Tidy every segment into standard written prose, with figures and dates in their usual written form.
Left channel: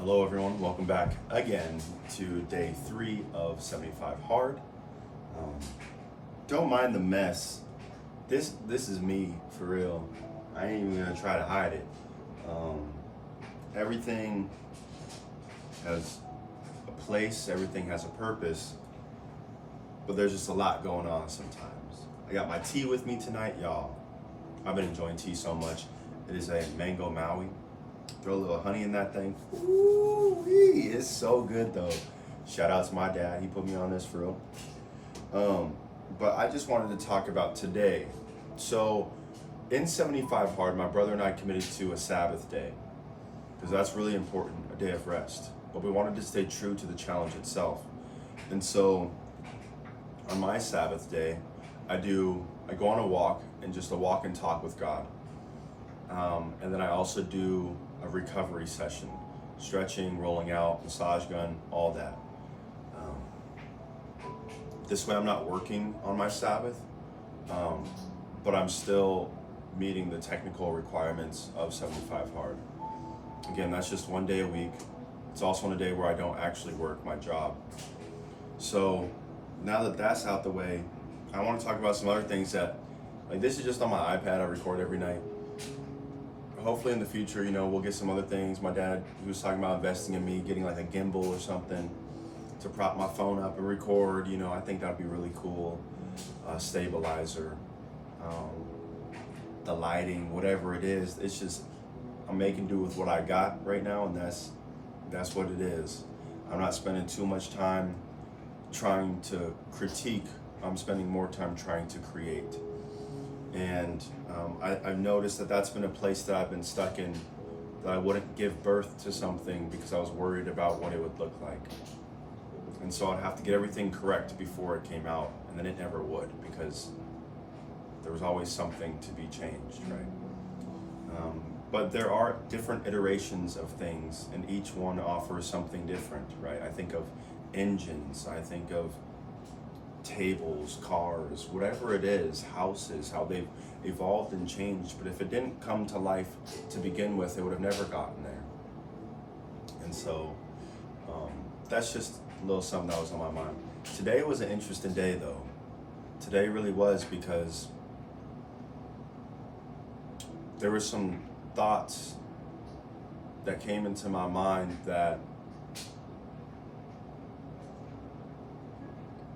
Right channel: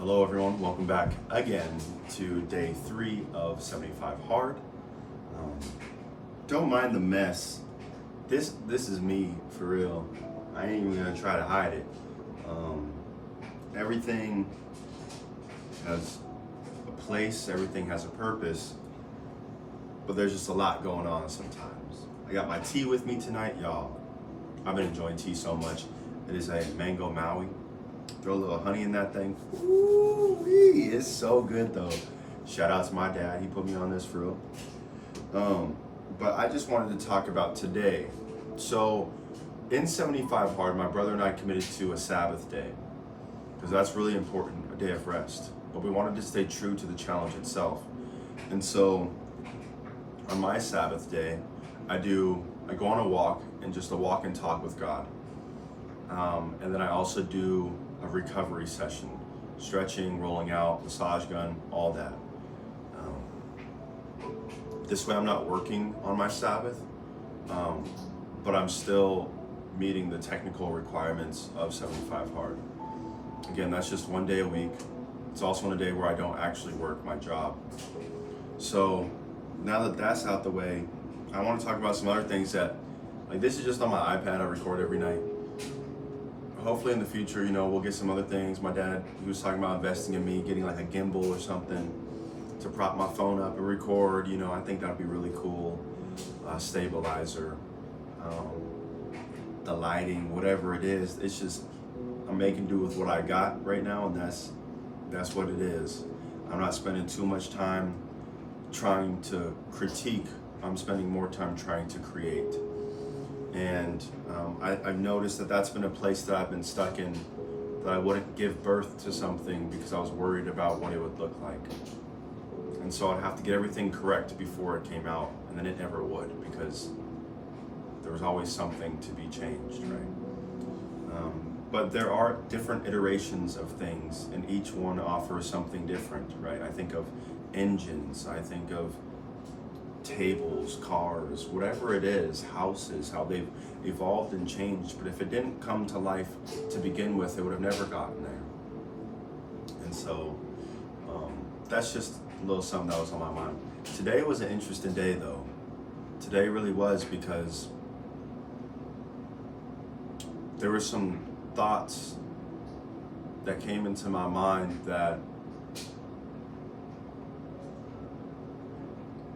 Hello everyone, welcome back again to day 3 of 75 Hard. Um, don't mind the mess. This is me, for real. I ain't even gonna try to hide it. Everything has a place, everything has a purpose, but there's just a lot going on sometimes. I got my tea with me tonight, y'all. I've been enjoying tea so much. It is a mango Maui. Throw a little honey in that thing. Ooh-wee, it's so good though. Shout out to my dad, he put me on this for real. But I just wanted to talk about today. So in 75 Hard, my brother and I committed to a Sabbath day because that's really important, a day of rest. But we wanted to stay true to the challenge itself. And so on my Sabbath day, I go on a walk and just a walk and talk with God. And then I also do a recovery session, stretching, rolling out, massage gun, all that. This way I'm not working on my Sabbath, but I'm still meeting the technical requirements of 75 Hard. Again, that's just one day a week. It's also on a day where I don't actually work my job. So now that that's out the way, I want to talk about some other things that, like, this is just on my iPad, I record every night. Hopefully in the future, we'll get some other things. My dad, he was talking about investing in me, getting like a gimbal or something to prop my phone up and record. I think that'd be really cool. Stabilizer, the lighting, whatever it is. It's just, I'm making do with what I got right now, and that's what it is. I'm not spending too much time trying to critique. I'm spending more time trying to create. And I've noticed that that's been a place that I've been stuck in, that I wouldn't give birth to something because I was worried about what it would look like. And so I'd have to get everything correct before it came out, and then it never would because there was always something to be changed, right? But there are different iterations of things, and each one offers something different, right? I think of engines, I think of tables, cars, whatever it is, houses, how they've evolved and changed. But if it didn't come to life to begin with, it would have never gotten there. And so that's just a little something that was on my mind. Today was an interesting day though. Today really was, because there were some thoughts that came into my mind that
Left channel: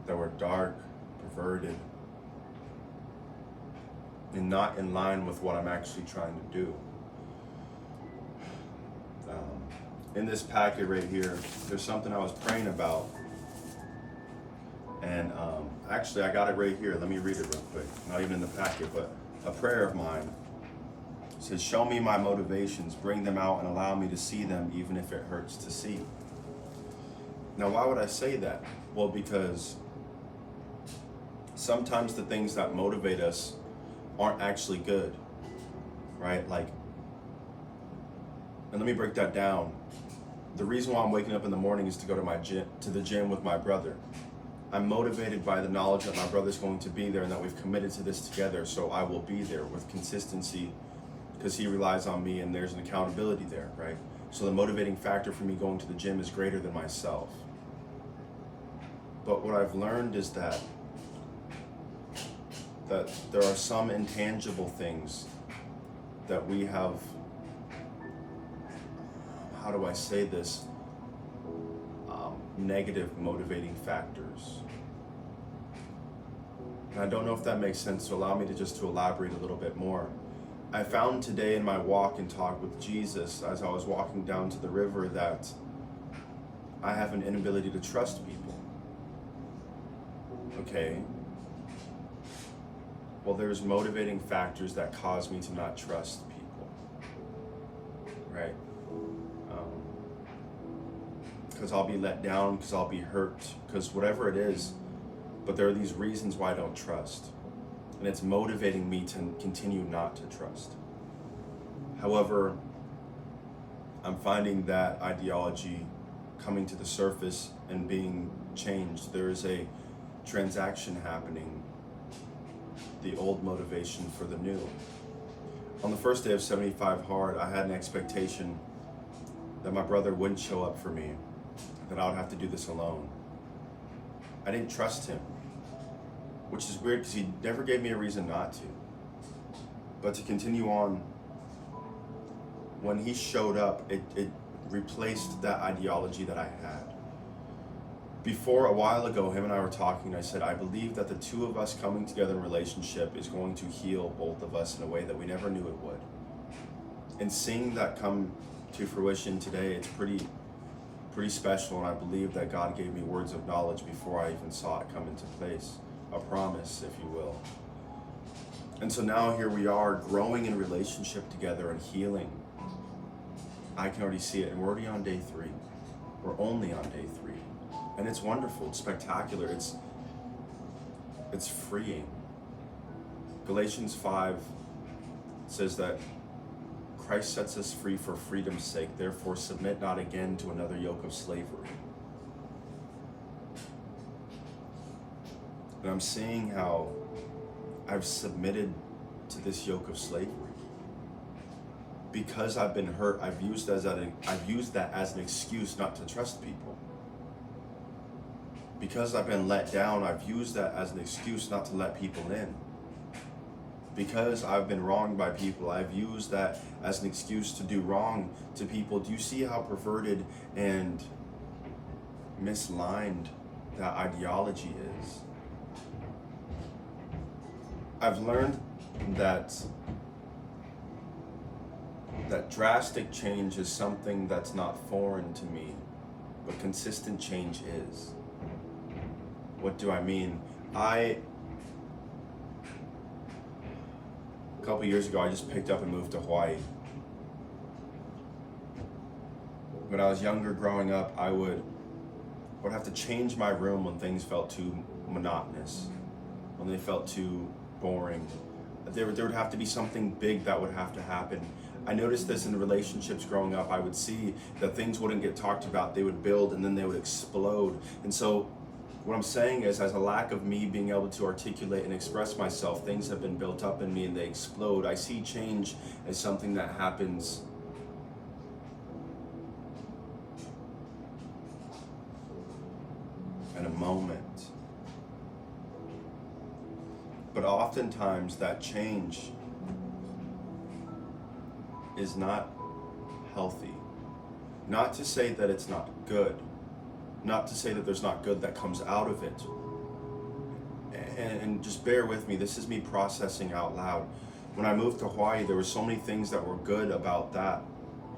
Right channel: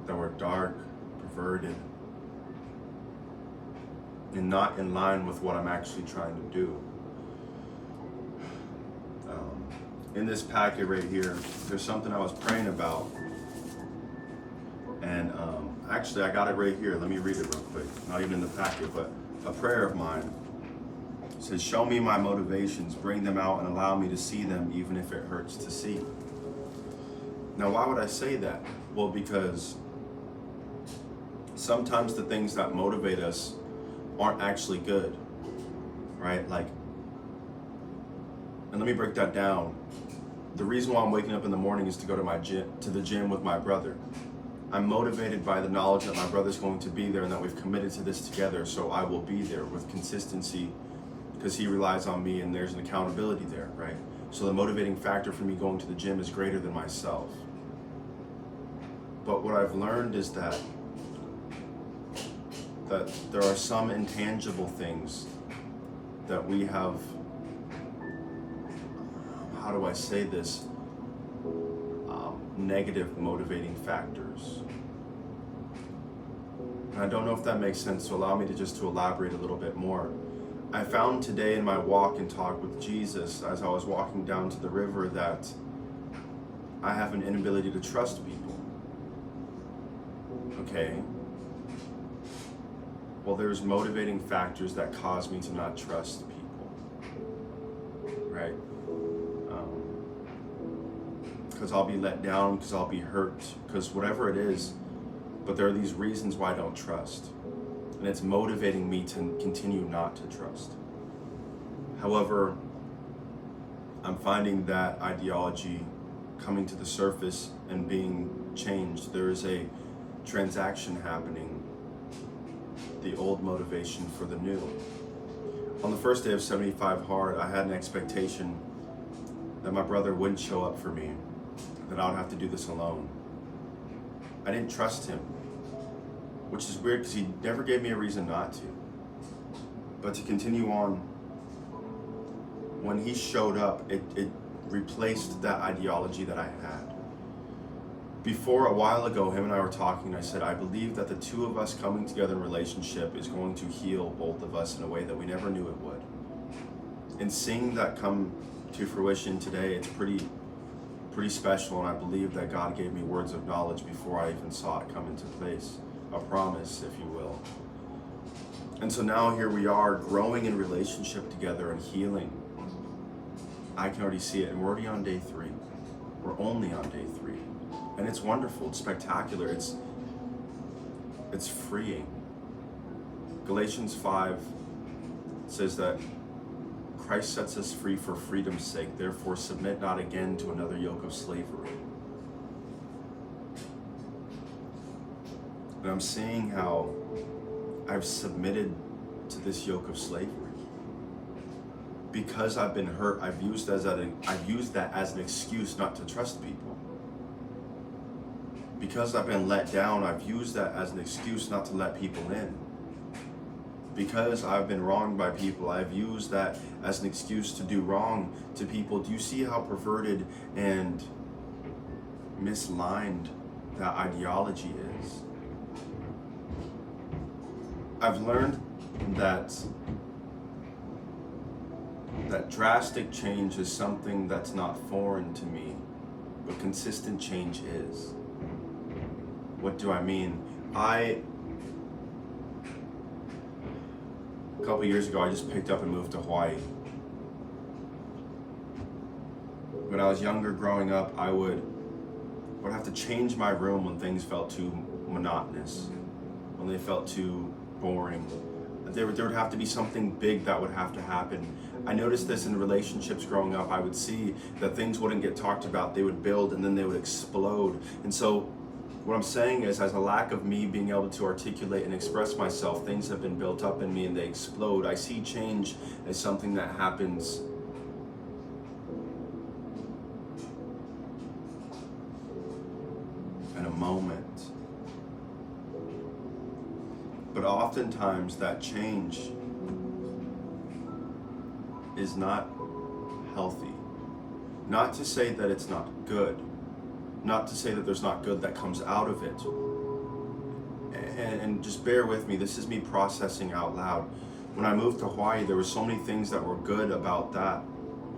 were dark, perverted, and not in line with what I'm actually trying to do. In this packet right here, there's something I was praying about, and actually I got it right here. Let me read it real quick. Not even in the packet, but a prayer of mine. It says, "Show me my motivations, bring them out, and allow me to see them, even if it hurts to see." Now, why would I say that? Well, because sometimes the things that motivate us aren't actually good, right? Like, and let me break that down. The reason why I'm waking up in the morning is to go to the gym with my brother. I'm motivated by the knowledge that my brother's going to be there and that we've committed to this together, so I will be there with consistency because he relies on me and there's an accountability there, right? So the motivating factor for me going to the gym is greater than myself. But what I've learned is that there are some intangible things that we have, how do I say this, negative motivating factors. And I don't know if that makes sense, so allow me to elaborate a little bit more. I found today in my walk and talk with Jesus, as I was walking down to the river, that I have an inability to trust people. Okay. Well, there's motivating factors that cause me to not trust people, right? Because I'll be let down, because I'll be hurt, because whatever it is, but there are these reasons why I don't trust. And it's motivating me to continue not to trust. However, I'm finding that ideology coming to the surface and being changed. There is a transaction happening, the old motivation for the new. On the first day of 75 Hard, I had an expectation that my brother wouldn't show up for me, that I would have to do this alone. I didn't trust him, which is weird because he never gave me a reason not to. But to continue on, when he showed up, it replaced that ideology that I had. Before, a while ago, him and I were talking, I said, I believe that the two of us coming together in relationship is going to heal both of us in a way that we never knew it would. And seeing that come to fruition today, it's pretty special, and I believe that God gave me words of knowledge before I even saw it come into place. A promise, if you will. And so now here we are, growing in relationship together and healing. I can already see it, and we're already on day 3. We're only on day 3. And it's wonderful, it's spectacular, it's freeing. Galatians 5 says that Christ sets us free for freedom's sake, therefore submit not again to another yoke of slavery. And I'm seeing how I've submitted to this yoke of slavery. Because I've been hurt, I've used that as an excuse not to trust people. Because I've been let down, I've used that as an excuse not to let people in. Because I've been wronged by people, I've used that as an excuse to do wrong to people. Do you see how perverted and misaligned that ideology is? I've learned that drastic change is something that's not foreign to me, but consistent change is. What do I mean? A couple years ago, I just picked up and moved to Hawaii. When I was younger, growing up, I would have to change my room when things felt too monotonous, when they felt too boring. There would have to be something big that would have to happen. I noticed this in relationships growing up. I would see that things wouldn't get talked about. They would build and then they would explode. And so what I'm saying is, as a lack of me being able to articulate and express myself, things have been built up in me and they explode. I see change as something that happens in a moment. But oftentimes that change is not healthy. Not to say that it's not good. Not to say that there's not good that comes out of it. And just bear with me, this is me processing out loud. When I moved to Hawaii, there were so many things that were good about that.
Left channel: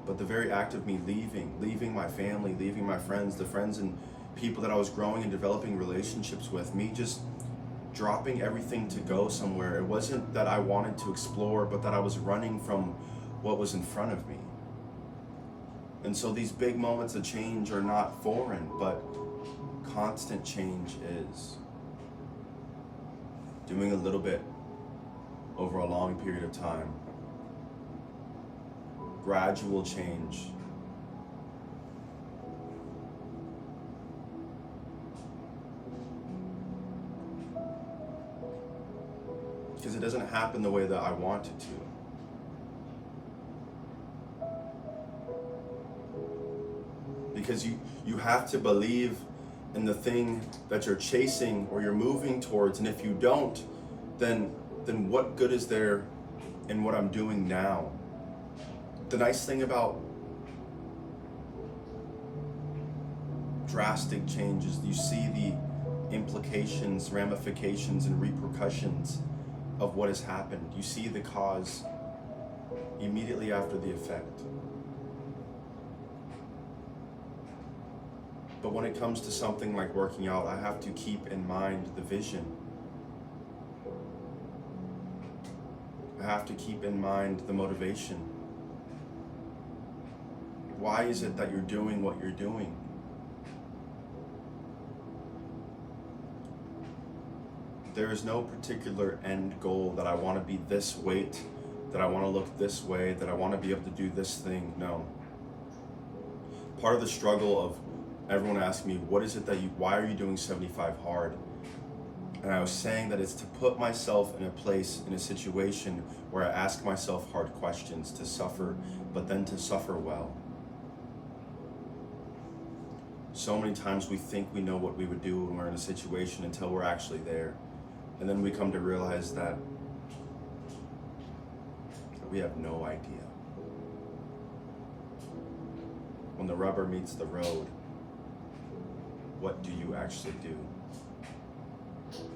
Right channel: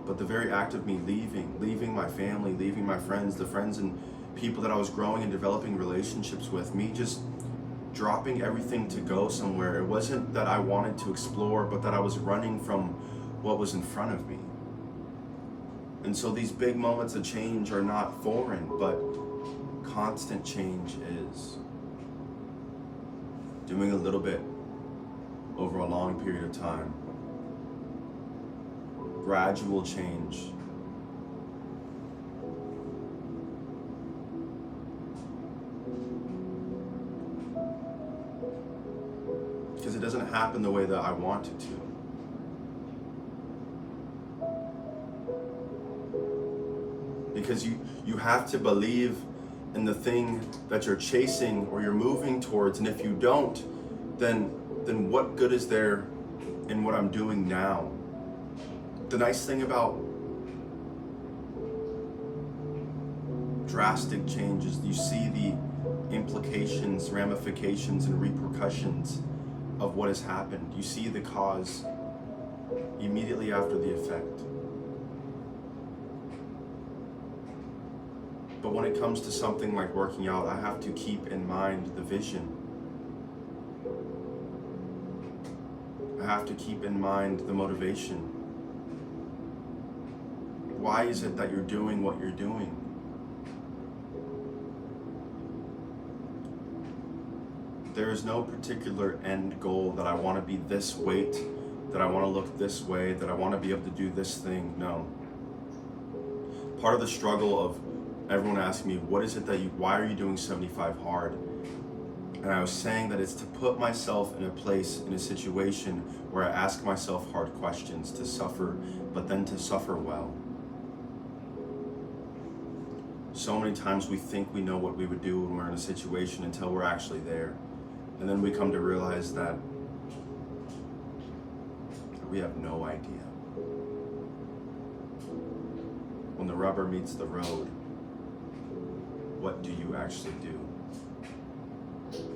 But the very act of me leaving my family, leaving my friends, the friends and people that I was growing and developing relationships with, me just dropping everything to go somewhere. It wasn't that I wanted to explore, but that I was running from what was in front of me. And so these big moments of change are not foreign, but constant change is. Doing a little bit over a long period of time. Gradual change. Because it doesn't happen the way that I want it to. Because you have to believe in the thing that you're chasing or you're moving towards, and if you don't, then what good is there in what I'm doing now? The nice thing about drastic changes, you see the implications, ramifications, and repercussions of what has happened. You see the cause immediately after the effect. But when it comes to something like working out, I have to keep in mind the vision. I have to keep in mind the motivation. Why is it that you're doing what you're doing? There is no particular end goal that I want to be this weight, that I want to look this way, that I want to be able to do this thing. No. Part of the struggle of everyone asking me, why are you doing 75 hard? And I was saying that it's to put myself in a place, in a situation where I ask myself hard questions, to suffer, but then to suffer well. So many times we think we know what we would do when we're in a situation until we're actually there. And then we come to realize that we have no idea. When the rubber meets the road, what do you actually do?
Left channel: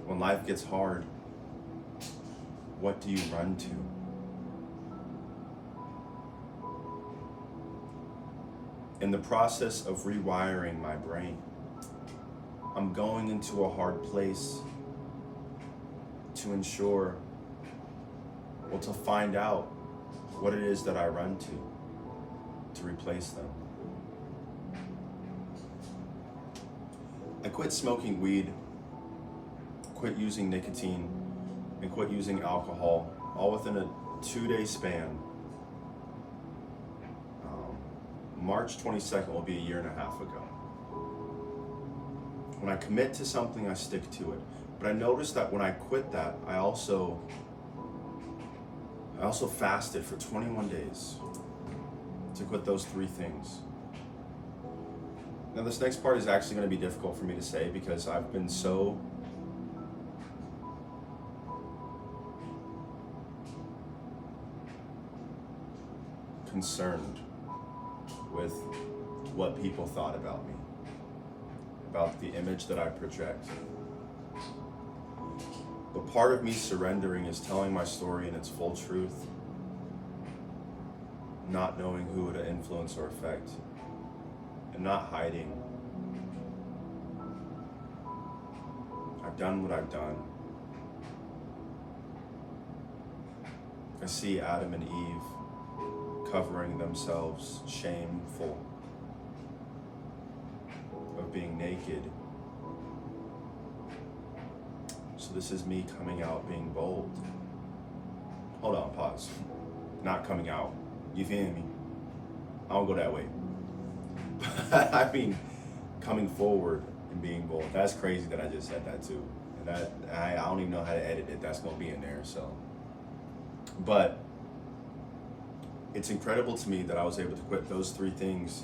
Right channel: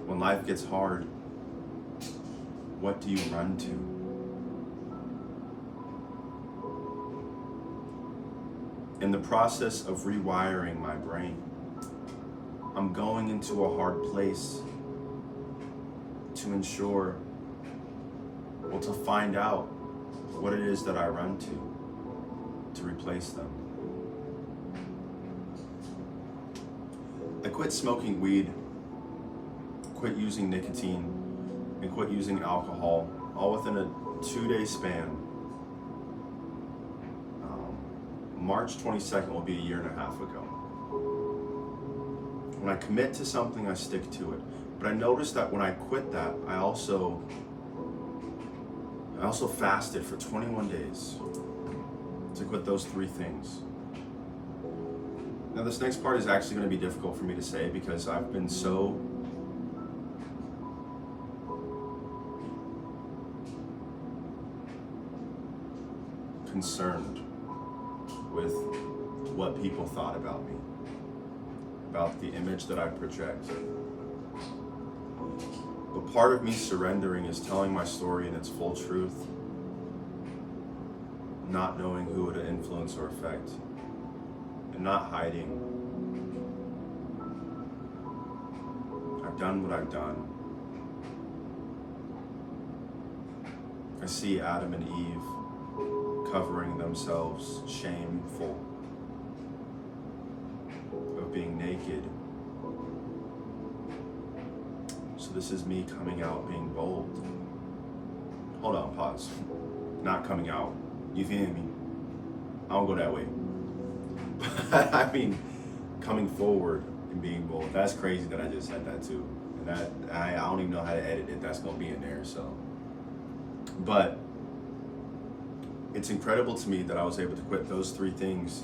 When life gets hard, what do you run to? In the process of rewiring my brain, I'm going into a hard place to ensure, well, to find out what it is that I run to replace them. I quit smoking weed, quit using nicotine, and quit using alcohol, all within a 2-day span. March 22nd will be a year and a half ago. When I commit to something, I stick to it. But I noticed that when I quit that, I also fasted for 21 days to quit those 3 things. Now this next part is actually going to be difficult for me to say because I've been so concerned with what people thought about me, about the image that I project. But part of me surrendering is telling my story in its full truth, not knowing who it would influence or affect, and not hiding. I've done what I've done. I see Adam and Eve covering themselves, shameful of being naked. So this is me coming out being bold. Hold on, pause. Not coming out. You feel me? I don't go that way. I mean, coming forward and being bold. That's crazy that I just said that too. And that I don't even know how to edit it. That's gonna be in there. So, but it's incredible to me that I was able to quit those 3 things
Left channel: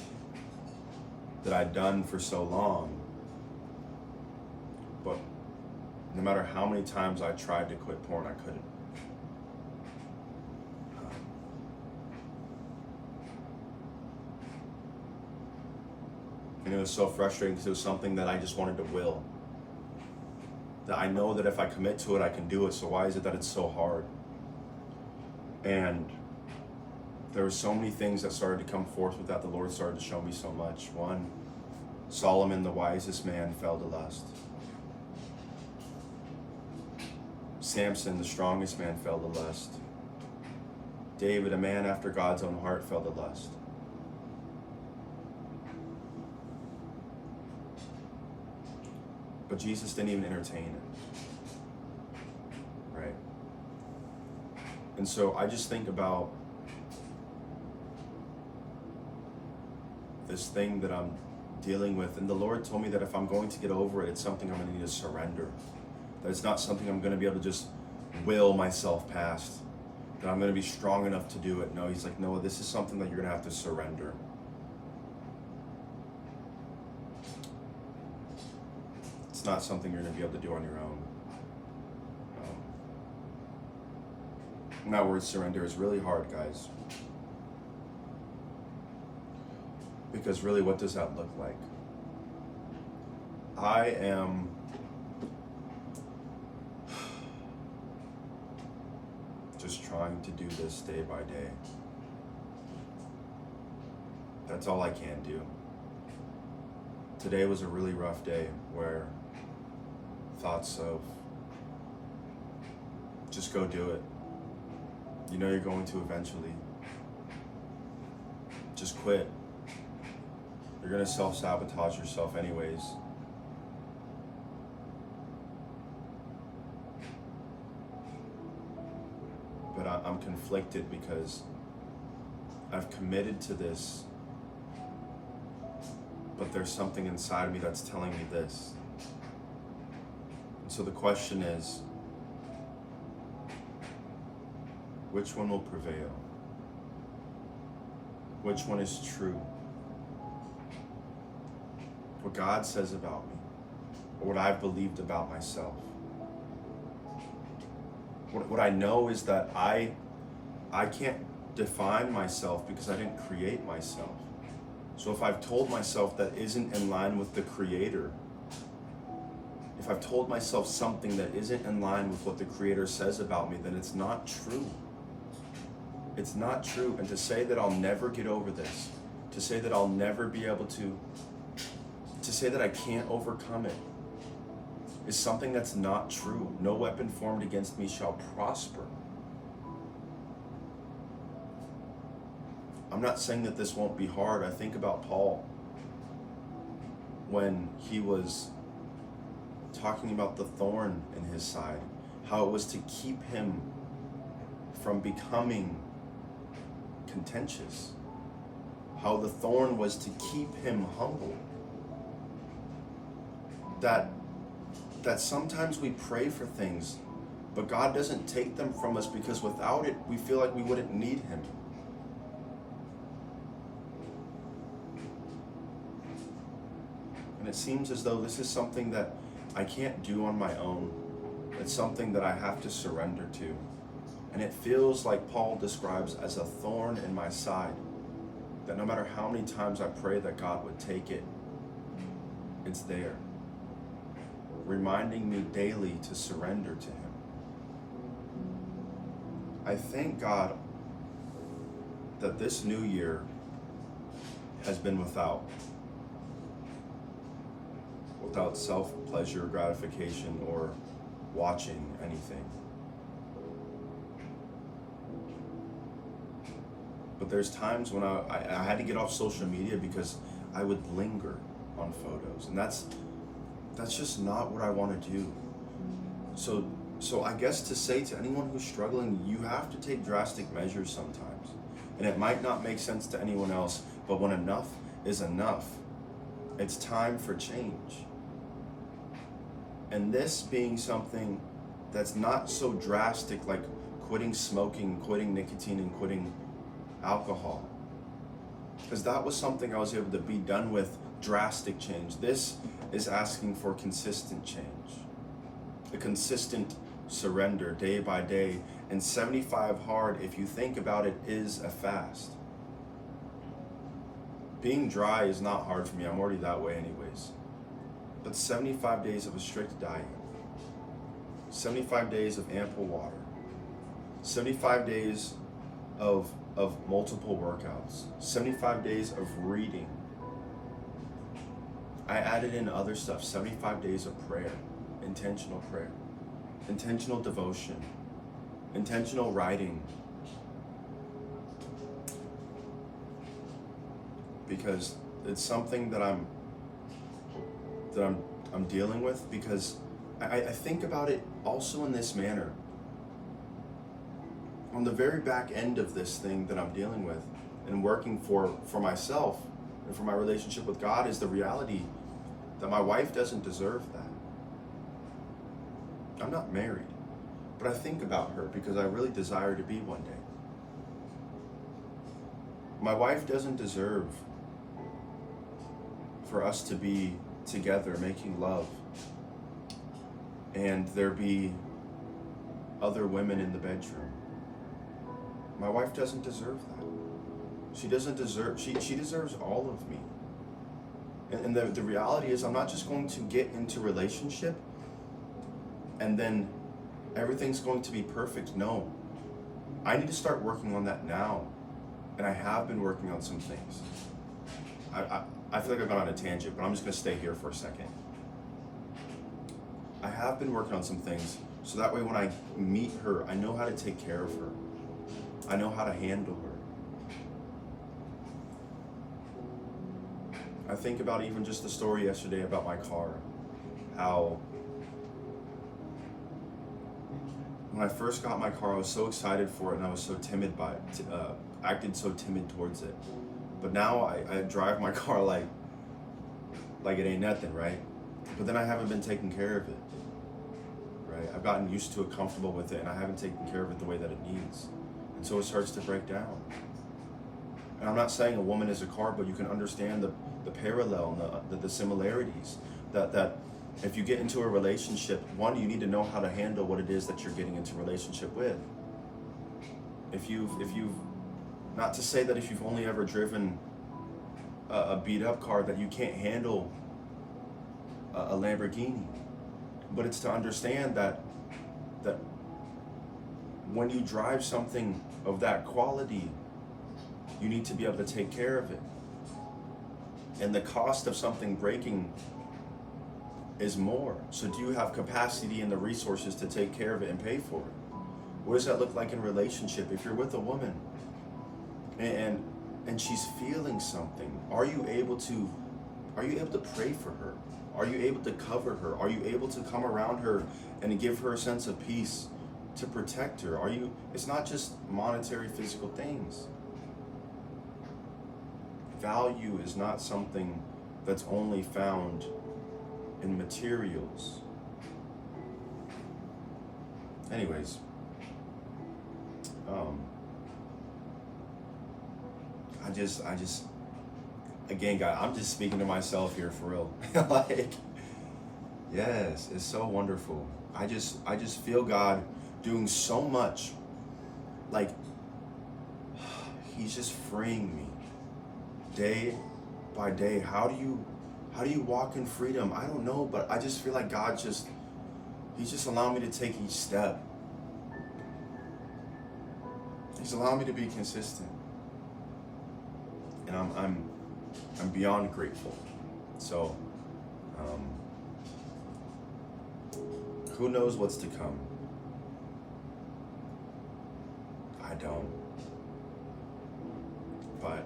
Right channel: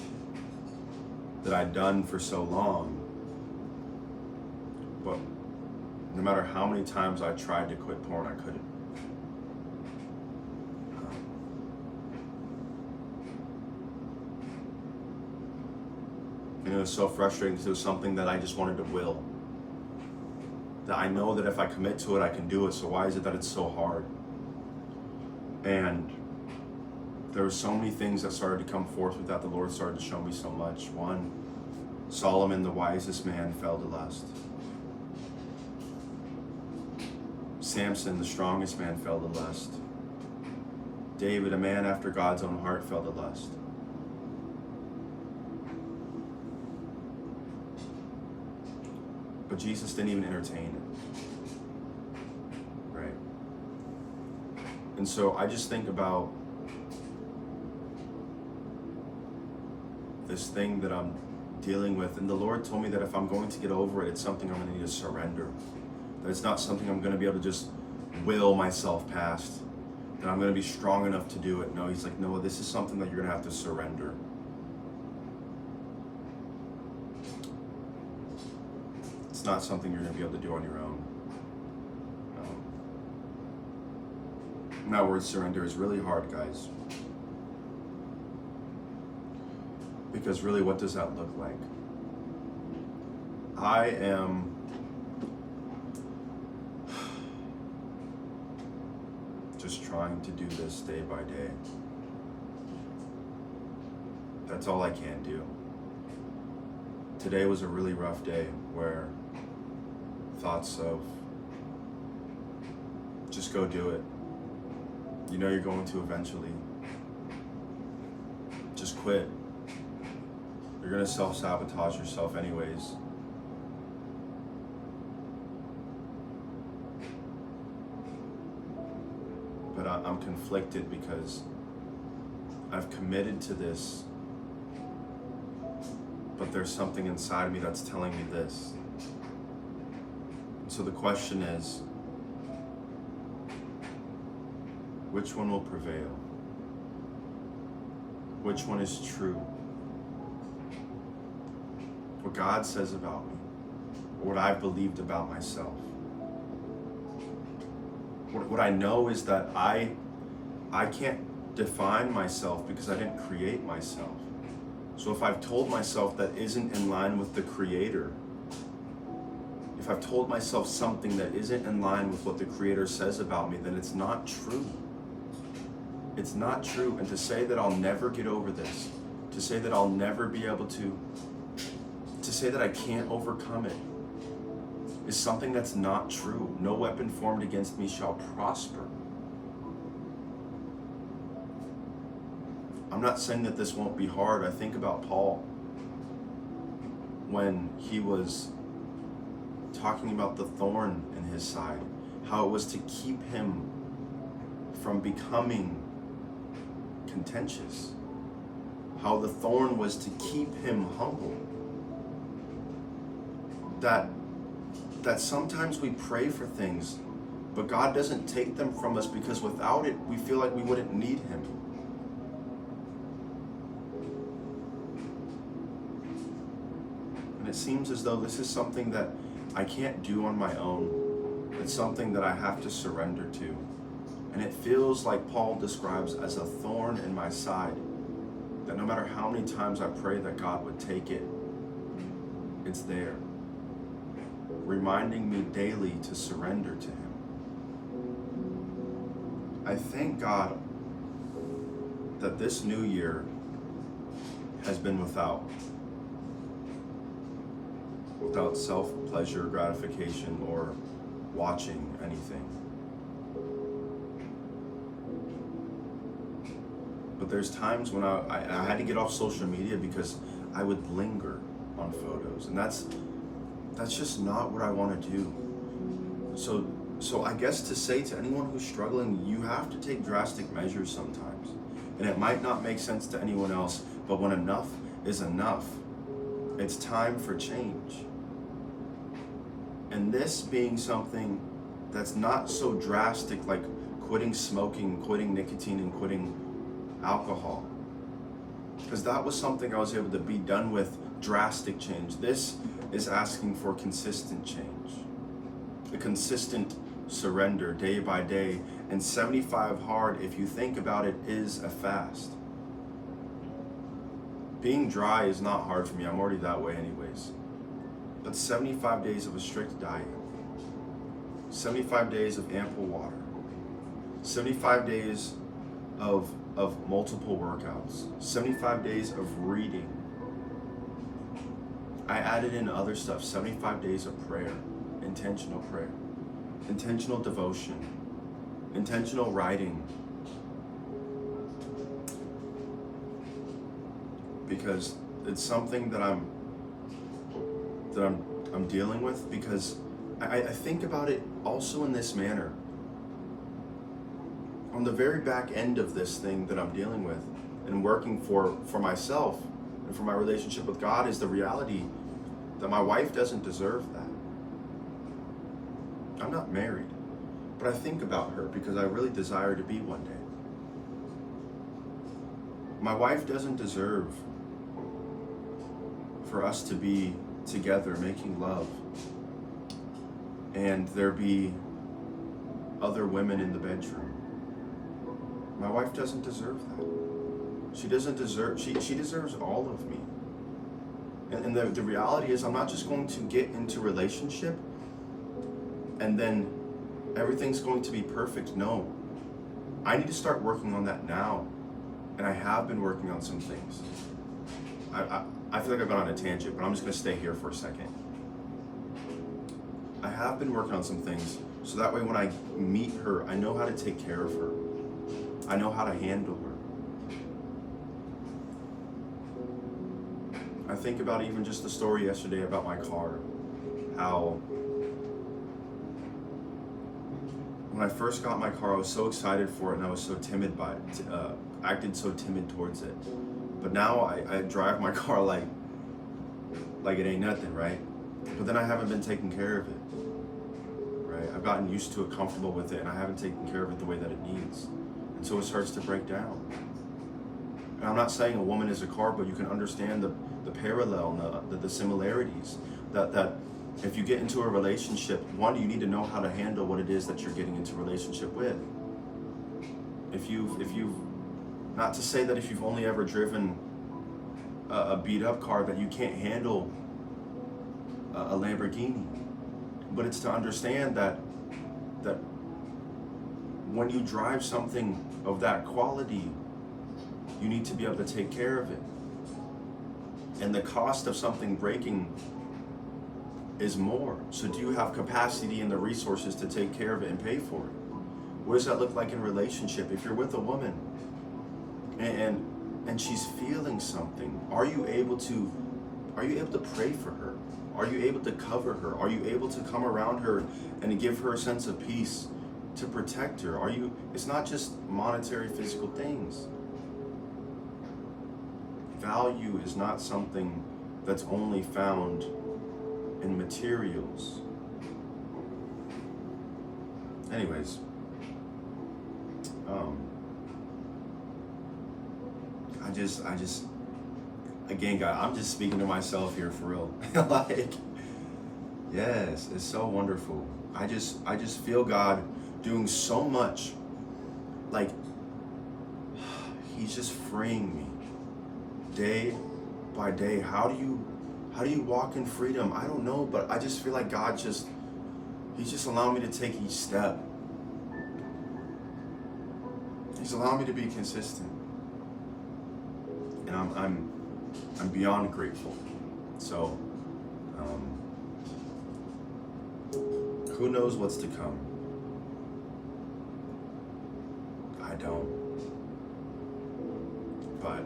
that I'd done for so long. But no matter how many times I tried to quit porn, I couldn't. And it was so frustrating because it was something that I just wanted to will. That I know that if I commit to it, I can do it. So why is it that it's so hard? And there were so many things that started to come forth with that. The Lord started to show me so much. One, Solomon, the wisest man, fell to lust. Samson, the strongest man, fell to lust. David, a man after God's own heart, fell to lust. But Jesus didn't even entertain it. Right? And so I just think about this thing that I'm dealing with, and the Lord told me that if I'm going to get over it, it's something I'm going to need to surrender. That it's not something I'm going to be able to just will myself past. That I'm going to be strong enough to do it. No, He's like, no, this is something that you're going to have to surrender. It's not something you're going to be able to do on your own. And that word surrender is really hard, guys. Because really, what does that look like? I am just trying to do this day by day. That's all I can do. Today was a really rough day where thoughts of just go do it. You know you're going to eventually. Just quit. You're going to self-sabotage yourself anyways. But I'm conflicted because I've committed to this, but there's something inside of me that's telling me this. So the question is, which one will prevail? Which one is true? what God says about me, or what I've believed about myself. What I know is that I can't define myself because I didn't create myself. So if I've told myself that isn't in line with the Creator, if I've told myself something that isn't in line with what the Creator says about me, then it's not true. It's not true. And to say that I'll never get over this, to say that I'll never be able to say that I can't overcome it, is something that's not true. No weapon formed against me shall prosper. I'm not saying that this won't be hard. I think about Paul when he was talking about the thorn in his side, how it was to keep him from becoming contentious, how the thorn was to keep him humble. That sometimes we pray for things, but God doesn't take them from us because without it, we feel like we wouldn't need Him. And it seems as though this is something that I can't do on my own. It's something that I have to surrender to. And it feels like Paul describes as a thorn in my side, that no matter how many times I pray that God would take it, it's there, reminding me daily to surrender to Him. I thank God that this new year has been without self-pleasure, gratification, or watching anything. But there's times when I had to get off social media because I would linger on photos, and that's just not what I want to do. So I guess to say to anyone who's struggling, you have to take drastic measures sometimes. And it might not make sense to anyone else, but when enough is enough, it's time for change. And this being something that's not so drastic, like quitting smoking, quitting nicotine, and quitting alcohol. Because that was something I was able to be done with drastic change. This is asking for consistent change, a consistent surrender day by day. And 75 hard, if you think about it, is a fast. Being dry is not hard for me. I'm already that way anyways. But 75 days of a strict diet, 75 days of ample water, 75 days of multiple workouts, 75 days of reading. I added in other stuff, 75 days of prayer, intentional devotion, intentional writing. Because it's something that I'm dealing with, because I think about it also in this manner. On the very back end of this thing that I'm dealing with and working for myself and for my relationship with God is the reality that my wife doesn't deserve that. I'm not married, but I think about her because I really desire to be one day. My wife doesn't deserve for us to be together making love and there be other women in the bedroom. My wife doesn't deserve that. She deserves all of me. And the reality is, I'm not just going to get into relationship and then everything's going to be perfect. No. I need to start working on that now. And I have been working on some things. I feel like I've gone on a tangent, but I'm just going to stay here for a second. I have been working on some things so that way when I meet her, I know how to take care of her. I know how to handle her. I think about even just the story yesterday about my car, how when I first got my car, I was so excited for it and I was so timid by it, acted so timid towards it. But now I drive my car like it ain't nothing, right? But then I haven't been taking care of it, right? I've gotten used to it, comfortable with it, and I haven't taken care of it the way that it needs. And so it starts to break down. And I'm not saying a woman is a car, but you can understand the the parallel, the similarities. That if you get into a relationship, one, you need to know how to handle what it is that you're getting into a relationship with. If you've, not to say that if you've only ever driven a beat up car that you can't handle a Lamborghini, but it's to understand that when you drive something of that quality, you need to be able to take care of it. And the cost of something breaking is more. So do you have capacity and the resources to take care of it and pay for it? What does that look like in a relationship? If you're with a woman and she's feeling something, are you able to pray for her? Are you able to cover her? Are you able to come around her and give her a sense of peace, to protect her? It's not just monetary, physical things. Value is not something that's only found in materials. Anyways, I just, again, God, I'm just speaking to myself here for real. Like, yes, it's so wonderful. I just feel God doing so much. Like, He's just freeing me day by day. How do you walk in freedom? I don't know, but I just feel like He's just allowing me to take each step. He's allowing me to be consistent. And I'm beyond grateful. So, who knows what's to come? I don't. But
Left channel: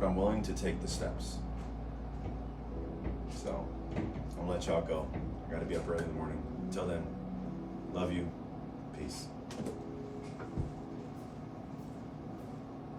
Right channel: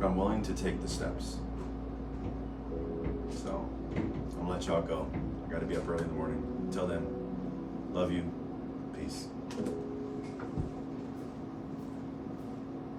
I'm willing to take the steps. So, I'm gonna let y'all go. I gotta be up early in the morning. Until then, love you. Peace.